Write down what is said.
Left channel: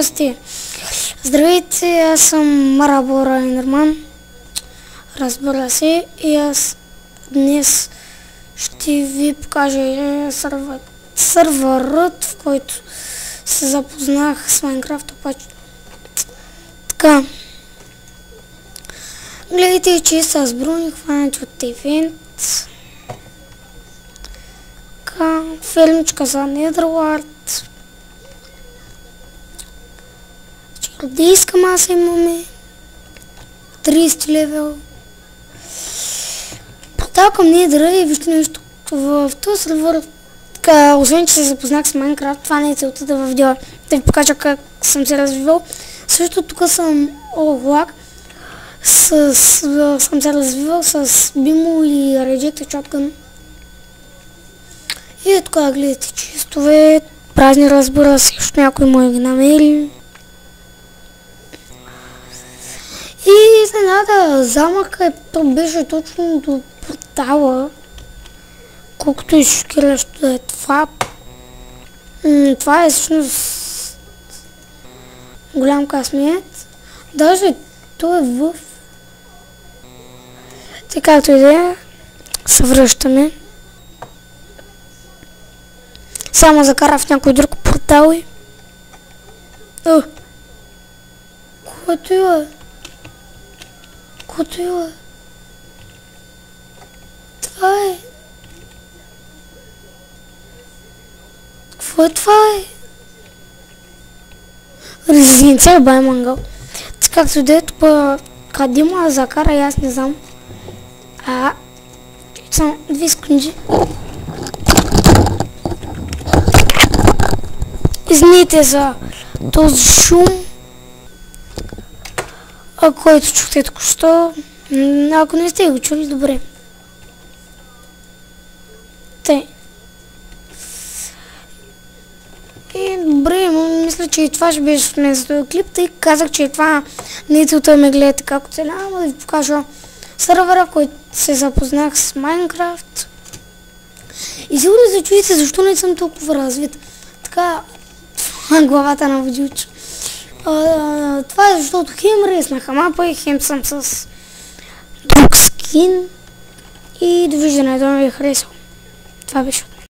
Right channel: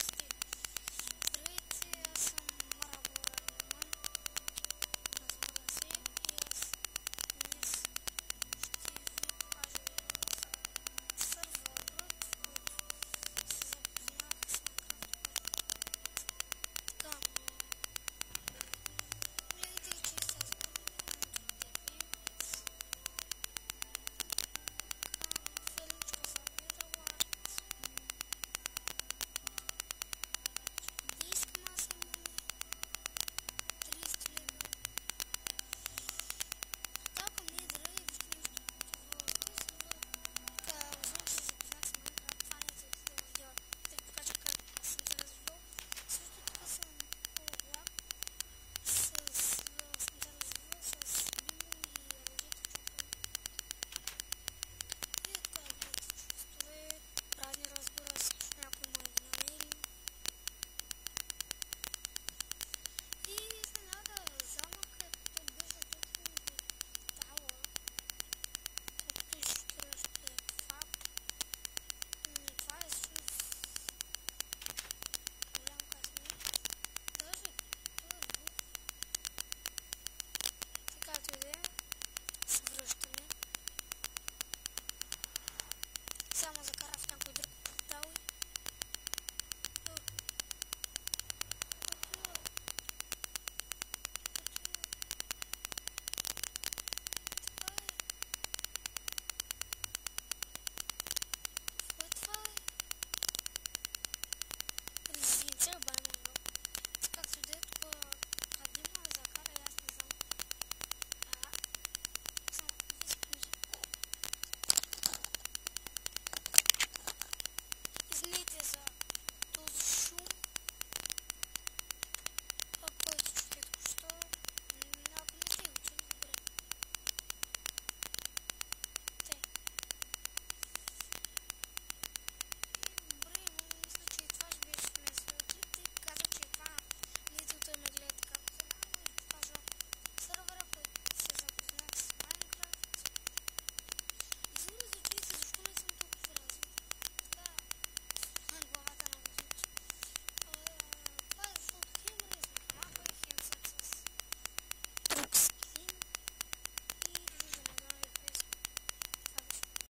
подкасти. Здравейте, аз съм Марабора Ендерман. Разбира се, и аз днес ще ви покажа сървърът, в който се запознах с Майнкрафт. Така. Гледайте, че с брони хванати от евент. Така, филмчка за Недърлард. Чародейска маса имаме. 30 левел. Порталкам Недъра и вижте нещо в този сервер. Така, освен че се запознах с Майнкрафт, това не е целта да да ви покажа как съм се развивал. Също тук съм Олак. Съм се развивал с Бимо и Rejected Shotgun. И така гледате чистове, празни, разбира се, защото някой му ги намери. И изненада, замъка беше точно до портала, колкото и шокиращо да е това. Това е всъщност голям късмет. Даже той е в... Така както и да е, се връщаме. Само закара в някой друг портал и... Което е? Което е? Това е... Какво е това е? Резиденция бай мангал. Така както да е, тук къде му закара и аз не знам. Само 2 секунди. Извините за този шум, който чухте току-що. Ако не сте го чули, добре. Тъй. И добре, мисля, че и това ще беше от мен за този клип, тъй казах, че това не е целта ме гледате како цели, ама да ви покажа сървъра, който се запознах с Майнкрафт. И сигурно се чуете защо не съм толкова развит. Така, главата на водючо. Това е защото хем реснах мапа и хем съм с друг скин. И довиждане, да ме ви харесал. Това беше.